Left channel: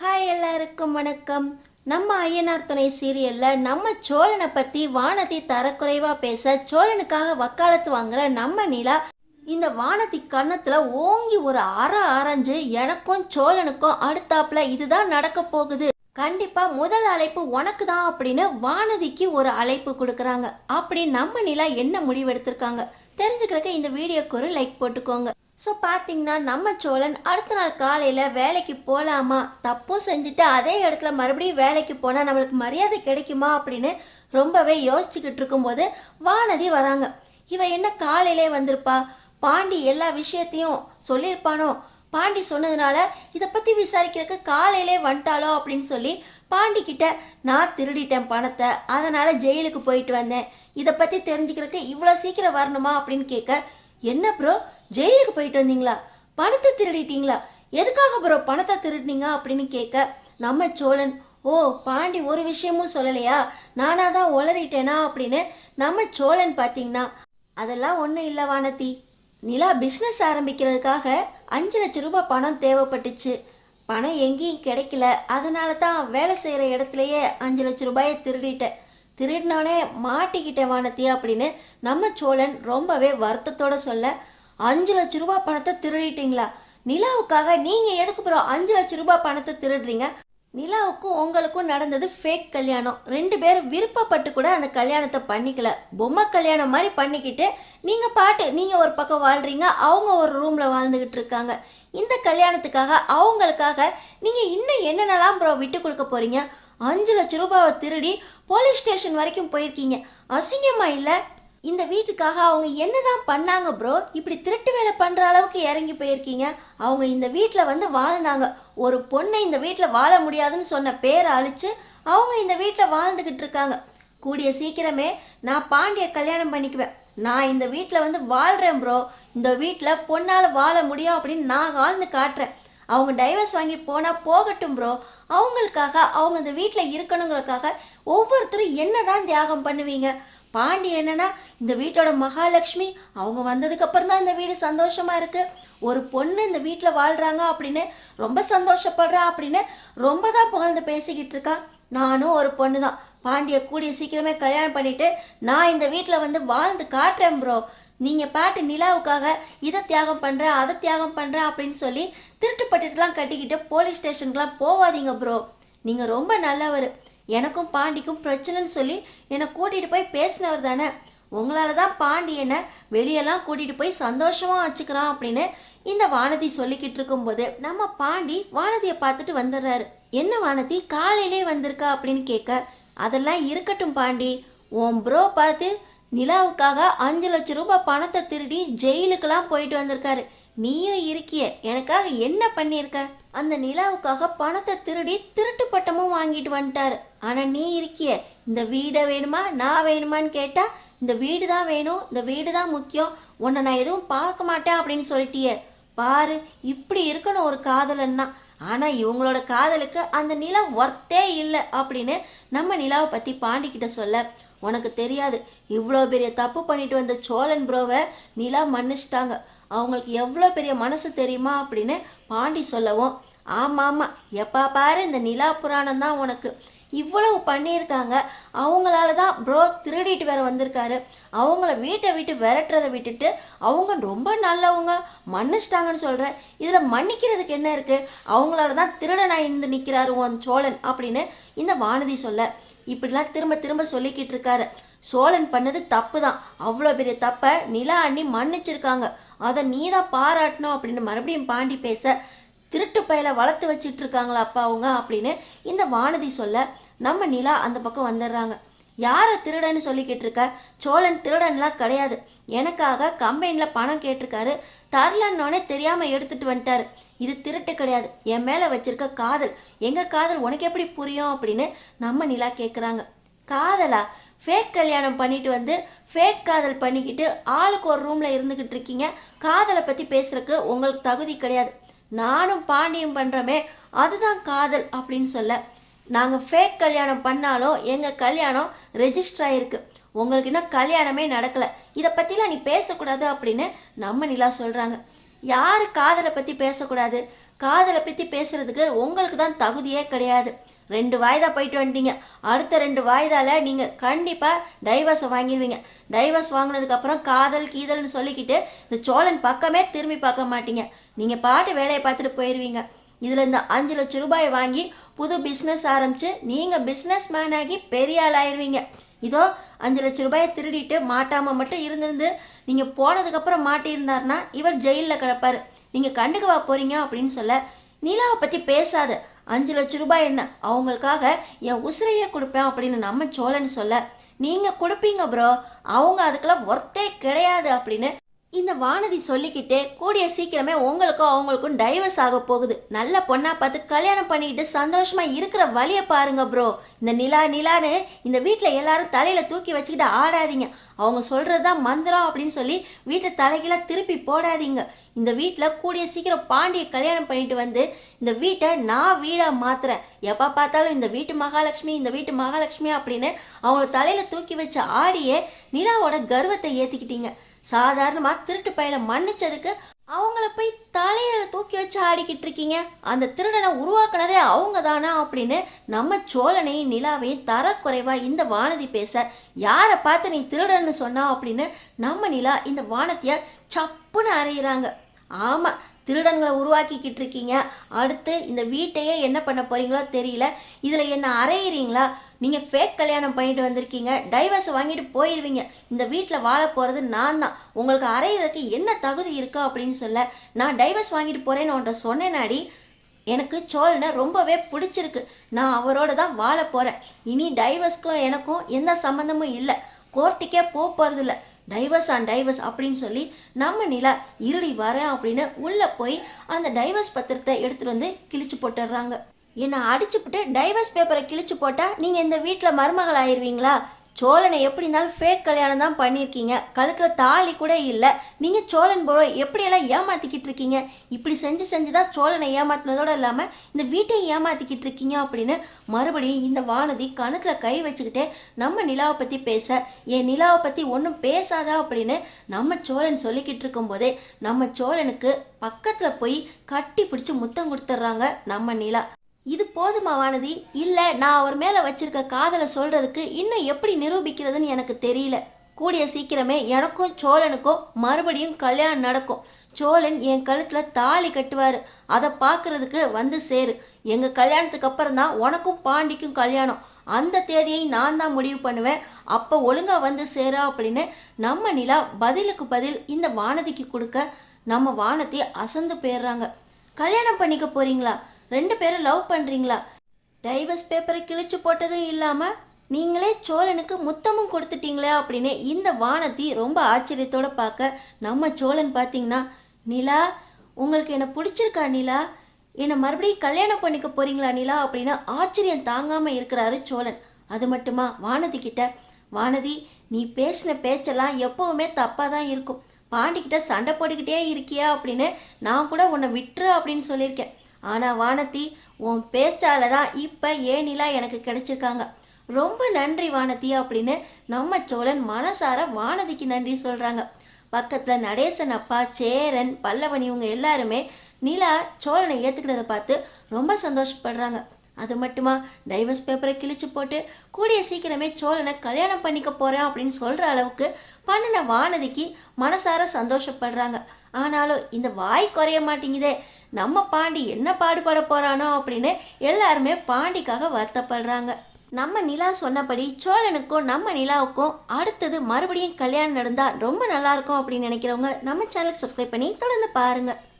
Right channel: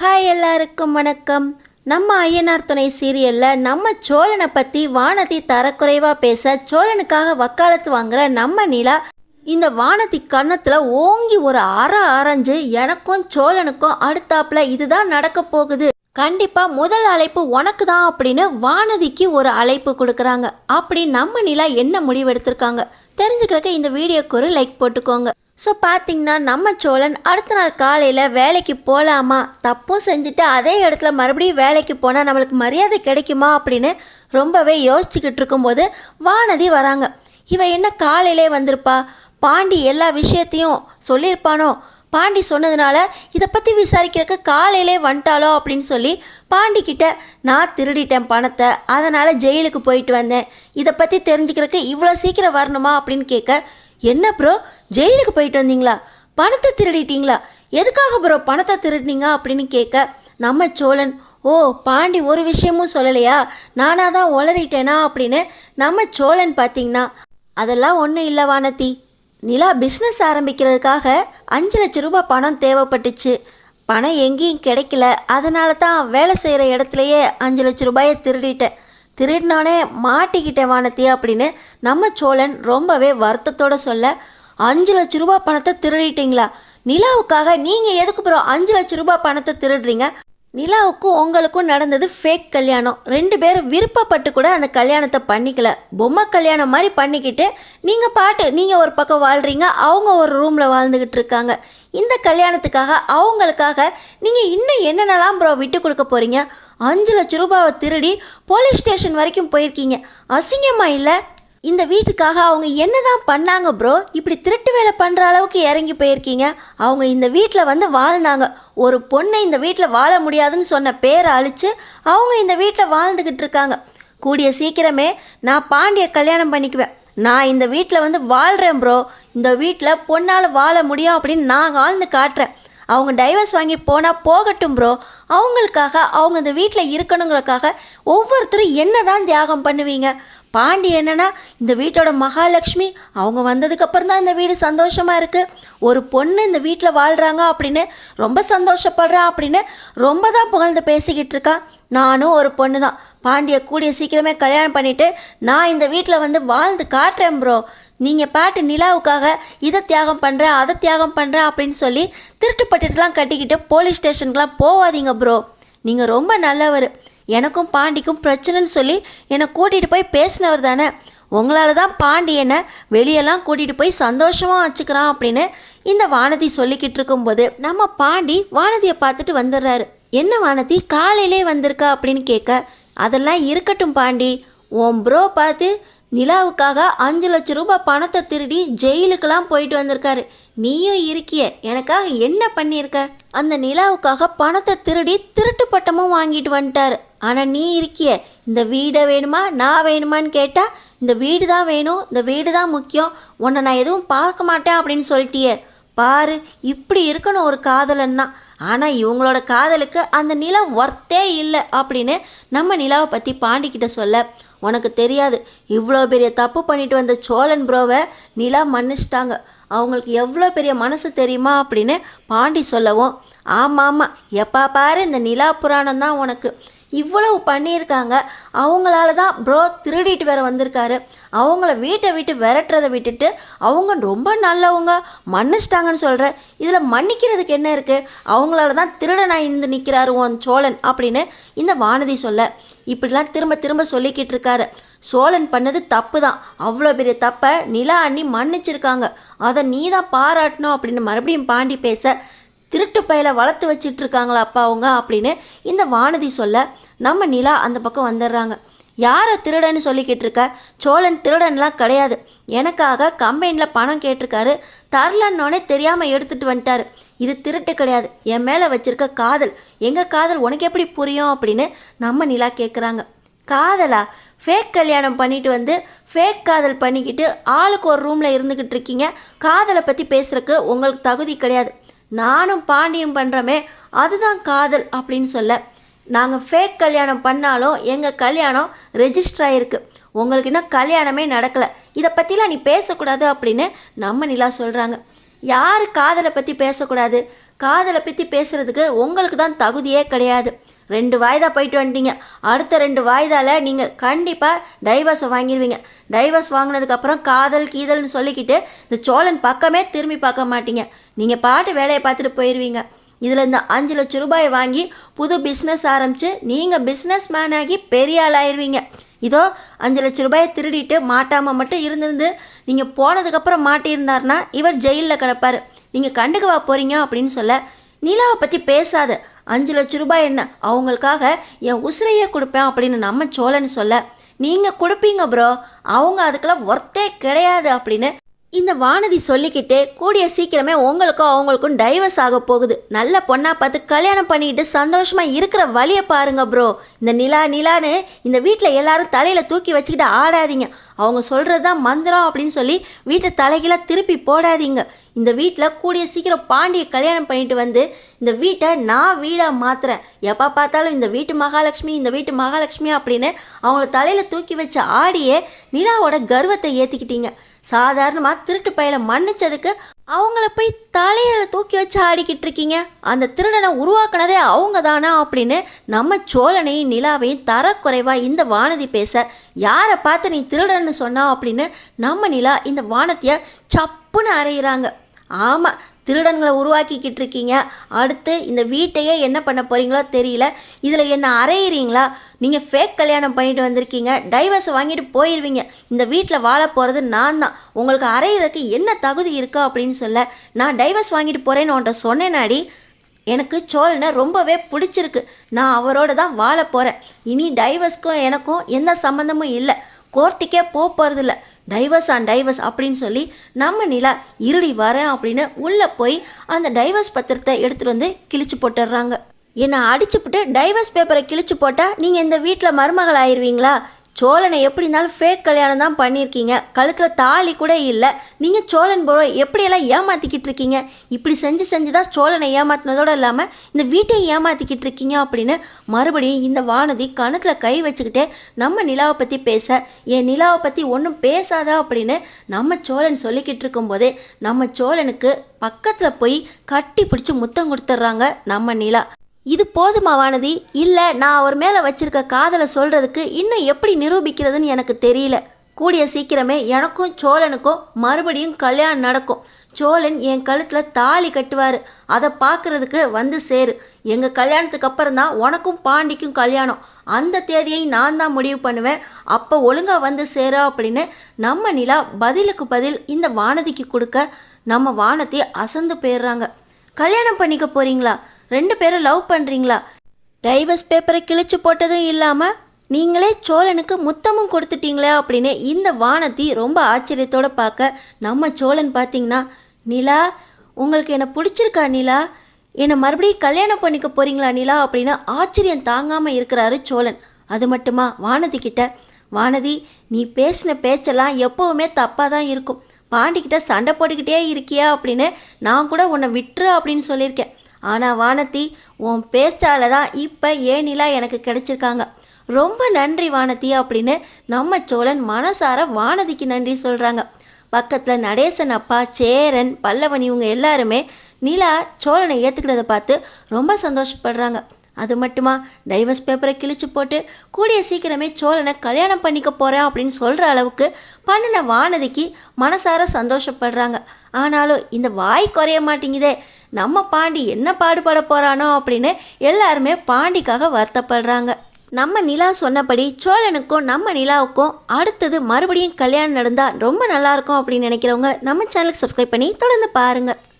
Hi எல்லாருக்கும் வணக்கம். நம்ம ஐயனார் துணை சீரியலில் நம்ம சோழனை பற்றி வானதி தரக்குறைவாக பேச சோழனுக்காக வக்காலத்து வாங்குற நம்ம நிலா இந்த வானதி கன்னத்தில் ஓங்கி ஒரு அரைஞ்சு எனக்கும் சோழனுக்கும் அடுத்தாப்புல இதுதான் நடக்க போகுது, கண்டிப்பாக முதல் அழைப்பு உனக்கு தான் அப்படின்னு வானதிக்கு ஒரு அழைப்பு கொடுக்குறாங்க. அப்படி நம்ம நிலா என்ன முடிவெடுத்திருக்காங்க தெரிஞ்சுக்கிறக்க இந்த வீடியோக்கு ஒரு லைக் போட்டுக்கோங்க. ஸோ பார்த்திங்கன்னா நம்ம சோழன் அடுத்த நாள் காலையில் வேலைக்கு போகலாமா, தப்பும் செஞ்சுட்டு அதே இடத்துல மறுபடியும் வேலைக்கு போனால் நம்மளுக்கு மரியாதை கிடைக்குமா அப்படின்னு ரொம்பவே யோசிச்சுக்கிட்டு இருக்கும்போது வானதி வராங்க. இவன் என்ன காலையிலே வந்திருப்பா, பாண்டி எல்லா விஷயத்தையும் சொல்லியிருப்பானோ, பாண்டி சொன்னதுனால இதை பற்றி விசாரிக்கிறதுக்கு காலையிலே வந்துட்டாலோ அப்படின்னு சொல்லி பாண்டிக்கிட்ட நான் திருடிட்டேன் பணத்தை, அதனால் ஜெயிலுக்கு போயிட்டு வந்தேன், இதை பற்றி தெரிஞ்சுக்கிறதுக்கு இவ்வளோ சீக்கிரம் வரணுமா அப்படின்னு கேட்க, என்ன ப்ரோ ஜெயிலுக்கு போயிட்டு வந்தீங்களா, பணத்தை திருடிட்டீங்களா, எதுக்காக ப்ரோ பணத்தை திருடினீங்க அப்படின்னு கேட்க, நம்ம சோழன் ஓ பாண்டி ஒரு விஷயமும் சொல்லலையா, நானாக தான் உளறிட்டேனா அப்படின்னு நம்ம சோழன் பார்த்திங்கன்னா அதெல்லாம் ஒன்றும் இல்லை வானதி, நிலா பிஸ்னஸ் ஆரம்பிக்கிறதுக்காக 5 லட்ச ரூபாய் பணம் தேவைப்பட்டுச்சு, பணம் எங்கேயும் கிடைக்கல, அதனால தான் வேலை செய்கிற இடத்துலையே 5 லட்ச ரூபாயை திருடினோடனே மாட்டிக்கிட்டேன் வானதி அப்படின்னு நம்ம சோழன் ரொம்பவே வருத்தத்தோடு சொல்ல, 5 லட்ச ரூபாய் பணத்தை திருடிட்டீங்களா, நிலாவுக்காக நீங்கள் எதுக்கு ப்ரோ 5 லட்ச ரூபாய் பணத்தை திருடுறீங்க, நிலாவுக்கும் உங்களுக்கும் நடந்தது ஃபேக் கல்யாணம், 2 பேரும் விருப்பப்பட்டு கூட அந்த கல்யாணத்தை பண்ணிக்கல, பொம்மை கல்யாணம் மாதிரி பண்ணிக்கிட்டு நீங்கள் ஒரு பக்கம் வாழ்கிறீங்க, அவங்க ஒரு ரூமில் வாழ்ந்துக்கிட்டு இருக்காங்க, இந்த கல்யாணத்துக்காக அவங்களுக்காக நீங்கள் இன்னும் என்னென்னலாம் ப்ரோ விட்டு கொடுக்க போகிறீங்க, 5 லட்ச ரூபாவை திருடி போலீஸ் ஸ்டேஷன் வரைக்கும் போயிருக்கீங்க, அசிங்கமாக இல்லை, இந்த வீட்டுக்காக அவங்க என்ன தான் பண்ணாங்க ப்ரோ, இப்படி திருட்டு வேலை பண்ணுற அளவுக்கு இறங்கி போயிருக்கீங்க, அவங்க இந்த வீட்டில் வந்து வாழ்ந்தாங்க, ஒரு பொண்ணை இந்த வீட்டில் வாழ முடியாதுன்னு சொன்ன பேரை அழித்து அவங்க இந்த வீட்டில் வாழ்ந்துக்கிட்டு இருக்காங்க, கூடிய சீக்கிரமே நான் பாண்டியை கல்யாணம் பண்ணிக்குவேன், நான் இந்த வீட்டில் வந்து வாழ்கிறேன் ப்ரோ, இந்த வீட்டில் பொண்ணால் வாழ முடியும் அப்படின்னு நான் வாழ்ந்து காட்டுறேன், அவங்க டைவர்ஸ் வாங்கி போனால் போகட்டும் ப்ரோ, அவங்களுக்காக அவங்க இந்த வீட்டில் இருக்கணுங்கிறக்காக ஒவ்வொருத்தரும் என்ன தான் தியாகம் பண்ணுவீங்க, பாண்டி என்னன்னா இந்த வீட்டோட மகாலட்சுமி, அவங்க வந்ததுக்கப்புறம் தான் இந்த வீடு சந்தோஷமாக இருக்குது, ஒரு பொண்ணு இந்த வீட்டில் வாழ்கிறாங்க அப்படின்னு ரொம்ப சந்தோஷப்படுறான் அப்படின்னு ரொம்ப தான் புகழ்ந்து பேசிக்கிட்டு இருக்கான், நானும் ஒரு பொண்ணு தான், பாண்டியை கூடிய சீக்கிரமே கல்யாணம் பண்ணிவிட்டு நான் இந்த வீட்டில் வந்து வாழ்ந்து காட்டுறேன் ப்ரோ, நீங்கள் பாட்டு நிலாவுக்காக இதை தியாகம் பண்ணுறேன் அதை தியாகம் பண்ணுறேன் அப்படின்னு சொல்லி திருட்டுப்பட்டுலாம் கட்டிக்கிட்டு போலீஸ் ஸ்டேஷனுக்குலாம் போகாதீங்க ப்ரோ, நீங்கள் ரொம்ப நல்லவர், எனக்கும் பாண்டிக்கும் பிரச்சனைன்னு சொல்லி என்னை கூட்டிகிட்டு போய் பேசினவர் தானே, உங்களால் தான் பாண்டி என்னை வெளியெல்லாம் கூட்டிகிட்டு போய் சந்தோஷமாக வச்சுக்கிறான் அப்படின்னு இந்த வானதி சொல்லிக்கிட்டு இருக்கும்போது நம்ம பாண்டி வானதியை பார்த்துட்டு வந்துடுறாரு. என்ன வானதி காலையிலே வந்திருக்கா அப்படின்னு கேட்க, அதெல்லாம் இருக்கட்டும் பாண்டி, உன் ப்ரோ பார்த்து நிலாவுக்காக 5 லட்ச ரூபாய் பணத்தை திருடி ஜெயிலுக்கெல்லாம் போயிட்டு வந்திருக்காரு, நீயும் இருக்கிய, எனக்காக என்ன பண்ணியிருக்க, அந்த நிலாவுக்காக பணத்தை திருடி திருட்டு பட்டமும் வாங்கிட்டு வந்துட்டாரு, ஆனால் நீ இருக்கிய இந்த வீடை வேணுமா நான் வேணுமான்னு கேட்டால் இந்த வீடு தான் வேணும், இந்த வீடு தான் முக்கியம், உன்னை நான் எதுவும் பார்க்க மாட்டேன் அப்படின்னு சொல்லிட்டியே, பாரு இப்படி இருக்கணும் ஒரு காதலன்னா, ஆனால் இவங்களோட காதலுக்கு அந்த நிலா ஒர்த்தே இல்லை அப்படின்னு நம்ம நிலாவை பற்றி பாண்டிக்கிட்ட சொல்ல, உனக்கு தெரியாது இவ்வளோ பெரிய தப்பு பண்ணிட்டு வந்த சோழன் ப்ரோவை நிலா மன்னிச்சிட்டாங்க, அவங்களுக்கு எவ்வளோ பெரிய மனசு தெரியுமா அப்படின்னு பாண்டி சொல்லவும், ஆமாம் எப்போ பாரு இந்த நிலா புராணம் தான் உனக்கு, இவ்வளவு பண்ணியிருக்காங்க, அவங்களால தான் ப்ரோ திருடிட்டு வேற வந்திருக்காரு, அவங்கள வீட்டை விட்டு விரட்டுறதை விட்டுட்டு அவங்க ரொம்ப நல்லவங்க மன்னிச்சிட்டாங்கன்னு சொல்கிற, இதில் மன்னிக்கிறதுக்கு என்ன இருக்குது, அவங்களால தான் திருடனாக இருந்து நிற்கிறாரு உன் சோழன் அப்படின்னு இந்த வானதி சொல்ல, இப்படிலாம் திரும்ப திரும்ப சொல்லிக்கிட்டு இருக்காரு, சோழன் பண்ணது தப்பு தான், அவ்வளோ பெரிய தப்பை நிலா அண்ணி மன்னிச்சிருக்காங்க, அதை நீ தான் பாராட்டணும் அப்படின்னு மறுபடியும் பாண்டி பேச, திருட்டு பையில வளர்த்து வச்சிட்டு இருக்காங்களா அப்பா அவங்க அப்படின்னு இந்த வானதி சொல்ல, நம்ம நிலா அந்த பக்கம் வந்துடுறாங்க. யாரை திருடன்னு சொல்லிக்கிட்டு இருக்க, சோழன் திருடன்லாம் கிடையாது, எனக்காக கம்பெனியில் பணம் கேட்டிருக்காரு, தரலன்னொன்னே தெரியாமல் எடுத்துகிட்டு வந்துட்டார், இது திருட்டு கிடையாது, என் மேலே வச்சிருக்க காதல், எங்கள் காதல் உனக்கு எப்படி புரியும் அப்படின்னு நம்ம நிலா கேட்குறாங்க. காதலா, ஃபேக் கல்யாணம் பண்ணிட்டு வந்து ஃபேக் காதல் பண்ணிக்கிட்டு ஆளுக்கு ஒரு ரூமில் இருந்துக்கிட்டு இருக்கீங்க, காதலை பற்றி பேசுகிறக்கு உங்களுக்கு தகுதி கிடையாது, நானும் பாண்டியும் பண்ணுறோமே அதுதான் காதல் அப்படின்னு சொல்ல, நாங்கள் ஃபேக் கல்யாணம் பண்ணாலும் எங்கள் கல்யாணம் ரெஜிஸ்டர் ஆகிருக்கு, உங்களுக்கு இன்னும் கல்யாணமே நடக்கலை, இதை பற்றிலாம் நீ பேசக்கூடாது அப்படின்னு நம்ம நிலா சொல்கிறாங்க. யார் காதலை பற்றி பேசக்கூடாது, காதலை பற்றி பேசுகிறதுக்கு உங்களுக்கு தான் தகுதியே கிடையாது. 2 வாய்தா போயிட்டு வந்துட்டீங்க. அடுத்த 2 வாய்தாவில் நீங்கள் கண்டிப்பாக டைவர்ஸை வாங்கிடுவீங்க. டைவர்ஸ் வாங்கினதுக்கப்புறம் காதல் கீதல்னு சொல்லிக்கிட்டு இந்த சோழன் பக்கமே திரும்பி பார்க்க மாட்டீங்க. நீங்கள் பாட்டு வேலையை பார்த்துட்டு போயிடுவீங்க. இதில் இந்த 5 லட்சம் ரூபாயை வாங்கி புது பிஸ்னஸ் ஆரம்பித்து நீங்கள் பிஸ்னஸ் மேன் ஆகி பெரிய ஆள் ஆயிடுவீங்க. இதோ 5 லட்சம் ரூபாயை திருடிட்டு மாட்டாமல் மட்டும் இருந்திருந்து நீங்கள் போனதுக்கப்புறம் மாட்டியிருந்தாருன்னா இவர் ஜெயிலில் கிடப்பார். நீங்கள் கண்டுக்கவா போகிறீங்க அப்படின்னு சொல்ல, நிலாவை பற்றி பேசாத, 5 லட்சம் ரூபாய் என்ன, அவங்களுக்காக என் உசிரையே கொடுப்பேன் அப்படின்னு நம்ம சோழன் சொல்ல, நீங்கள் கொடுப்பீங்க ப்ரோ, அவங்க அதுக்கெல்லாம் ஒர்த்தே கிடையாது அப்படின்னு இந்த வானதி சொல்லிக்கிட்டே கூடிய சீக்கிரமே உங்களுக்கும் அவங்களுக்கும் டைவர்ஸ் ஆக போகுது. நல்ல பொண்ணா பார்த்து கல்யாணம் பண்ணிக்கிட்டு சந்தோஷமாக இருக்கிற வழியை பாருங்க ப்ரோ. இந்த நிலான்னு இந்த வீட்டில் எல்லாரும் தலையில் தூக்கி வச்சுக்கிட்டு ஆடாதீங்க. அவங்க சொல்கிறது தான் மந்திரம் அப்படின்னு சொல்லி வீட்டை தலைகீழ திருப்பி போடாதீங்க. இந்த வீட்டில் கூடிய சீக்கிரம் பாண்டியை கல்யாணம் பண்ணிட்டு வந்து இந்த வீட்டை நான் வீடாக மாற்றுறேன். எப்போ பார்த்தாலும் இந்த வீட்டு மகாலட்சுமி அப்படின்னு அவங்கள தலையில் தூக்கி வச்ச ஆடியே நிலாவோட கர்வத்தை ஏற்றிக்கிட்டீங்க. சாதாரணமாக திருட்டு பையில மன்னிச்சதுக்கு அவங்கள போய் தலையில் தூக்கி வச்சு ஆடிக்கிட்டு இருக்கீங்க. அந்த திருடனை உருவாக்குனதே அவங்க தானா அப்படின்னு நம்ம சோழனையும் நிலாவையும் தரக்குறைவாக இந்த வானதி பேச, யாரை பார்த்து நீ திருடன்னு சொன்னா அப்படின்னு நம்ம நிலா இந்த வானதியை சப்புன்னு அறையிறாங்க. ஆமாம், திருடன்களை உருவாக்கிக்கிட்டு இருக்கீங்க. அடுத்து இந்த வீட்டையே என்ன பண்ண போகிறீங்களோ தெரியல. இதில் என்ன அறையிறீங்களா? நீங்கள் ஃபேக் கல்யாணம் பண்ணிட்டு வந்திருக்கீங்க, டைவர்ஸ் வாங்கிட்டு போயிடுவீங்க. இந்த வீட்டில் வாழ போகிறது நான் தான். உங்களுக்கு அறையிறதுக்கு என்ன தகுதி இருக்கா அப்படின்னு சொல்ல, நான் டைவர்ஸ் வாங்கிட்டு போகிறேன்னு உன்ட்ட சொன்னேனாடி. எனக்கு சோழனை ரொம்பவே பிடிச்சிருக்கு. நான் அவரோட தான் வாழ போகிறேன். இனி டைவர்ஸ்க்கும் எனக்கும் எந்த சம்மந்தமும் இல்லை. கோர்ட்டுக்கே போகிறதில்ல. டைவர்ஸ் அப்படின்னு சொல்லி நம்ம நிலா இருடி வரேன் அப்படின்னு உள்ளே போய் அந்த டைவர்ஸ் பத்திரத்தை எடுத்துகிட்டு வந்து கிழிச்சு போட்டுடுறாங்க. என்னை அடிச்சுப்புட்டு டைவர்ஸ் பேப்பரை கிழிச்சு போட்டால் நீங்கள் இந்த வீட்டில் மருமகள் ஆயிடுவீங்களா? சோழனை எப்படி இருந்தாலும் ஃபேக் கல்யாணம் தான் பண்ணியிருக்கீங்க. கழுத்தில் தாலி கூட இல்லை. நீங்கள் சோழன் ப்ரோ எப்படியெல்லாம் ஏமாற்றிக்கிட்டு இருக்கீங்க? இப்படி செஞ்சு தான் சோழனை ஏமாத்தினதோடு இல்லாமல் இந்த வீட்டையும் ஏமாற்றிக்கிட்டு இருக்கீங்க அப்படின்னு மறுபடியும் இந்த வானதி கணக்கில் கை வச்சுக்கிட்டே நம்ம நிலாவை பற்றி பேச, என் நிலாவை பற்றி ஒன்றும் பேசாதா அப்படின்னு நம்ம சோழன் சொல்லிக்கிட்டு இருக்கும்போதே நம்ம சோழனுக்கு பக்கத்தில் போய் கட்டி பிடிச்சி முத்தம் கொடுத்துட்றாங்க நம்ம நிலா. இது போதுமா வானதி? இல்லை, நான் அவர் மேலே வச்சிருக்க காதலை சொல்கிறதுக்கு இன்னும் எப்படி நிரூபிக்கிறதுன்னு எனக்கு தெரியல. கூடிய சீக்கிரமே எனக்கும் சோழனுக்கும் மறுபடியும் கல்யாணம் நடக்கும். சோழன் என் கழுத்தில் தாலி கட்டுவார். அதை பார்க்குறதுக்கு வந்து சேரு. எங்கள் கல்யாணத்துக்கு அப்புறம் தான் உனக்கும் பாண்டிக்கும் கல்யாணம். அந்த தேதியை நான் தான் முடிவு பண்ணுவேன். அப்போ ஒழுங்காக வந்து சேரா அப்படின்னு நம்ம நிலா பதிலுக்கு பதில் இந்த வானதிக்கு கொடுக்க நம்ம வானதி அசந்து போயிடுறாங்க. கல்யாணம் பண்ணிக்க போகிறீங்களா? 2 பேரும் லவ் பண்ணுறீங்களா? டைவர்ஸ் பேப்பரை கிழிச்சு போட்டதும் இல்லாமல் நீங்களே சோழனுக்கு முத்தமும் கொடுத்துட்டீங்களே அப்படின்னு இந்த வானதி ரொம்ப ஆச்சரியத்தோடு பார்க்க, நம்ம சோழன் பார்த்தீங்கன்னா, நிலா உங்களுக்கு என்னை பிடிச்சிருக்கா நிலா? என்னை மறுபடியும் கல்யாணம் பண்ணிக்க போகிறீங்களா நிலா அப்படின்னு ஆச்சரியம் தாங்காமல் இருக்கிறாரு சோழன். அது மட்டுமா வானதி கிட்ட, வானதி நீ பேசின பேச்செல்லாம் எப்போவுமே தப்பாக தான் இருக்கும். பாண்டிக்கிட்ட சண்டை போட்டுக்கிட்டே இருக்கியா அப்படின்னு நான் கூட உன்னை விட்டுரு அப்படின்னு சொல்லியிருக்கேன். ஆனால் வானதி, உன் பேச்சால் தான் இப்போ நிலா எனக்கு கிடைச்சிருக்காங்க. ரொம்ப நன்றி வானதி அப்படின்னு நம்ம சோழன் மனசார வானதிக்கு நன்றி சொல்கிறாங்க. பக்கத்தில் நடேசன் அப்பா, சேரன், பல்லவன் இவங்க எல்லாருமே நிலா சோழனை ஏற்றுக்கிறத பார்த்து ரொம்ப சந்தோஷப்படுறாங்க. அது மட்டுமா, டைவர்ஸ் பேப்பரை கிழிச்சு போட்டு கூடிய சீக்கிரமே சோழனை கல்யாணம் பண்ணிக்க போகிறேன் அப்படின்னு சொல்கிற அளவுக்கு பண்ணின வானதிக்கு மனசார சந்தோஷப்படுறாங்க. ஆனாலும் இந்த வாய் குறைய மாட்டேங்குதே, நம்ம பாண்டி என்ன பாடுபட போகிறானோ அப்படின்னு எல்லாருமே பாண்டிக்காக வருத்தப்படுறாங்க. நம்ம நிலா சொன்னபடி சோழனுக்கும் நம்ம நிலாவுக்கும் அடுத்தது மறுபடியும் கல்யாணம் நடந்தால் ரொம்ப நல்லாயிருக்கும் அப்படின்னு நினைக்கிறவங்க நம்ம சேனலுக்கு சப்ஸ்கிரைப் பண்ணி தொடர்ந்து பாருங்கள்.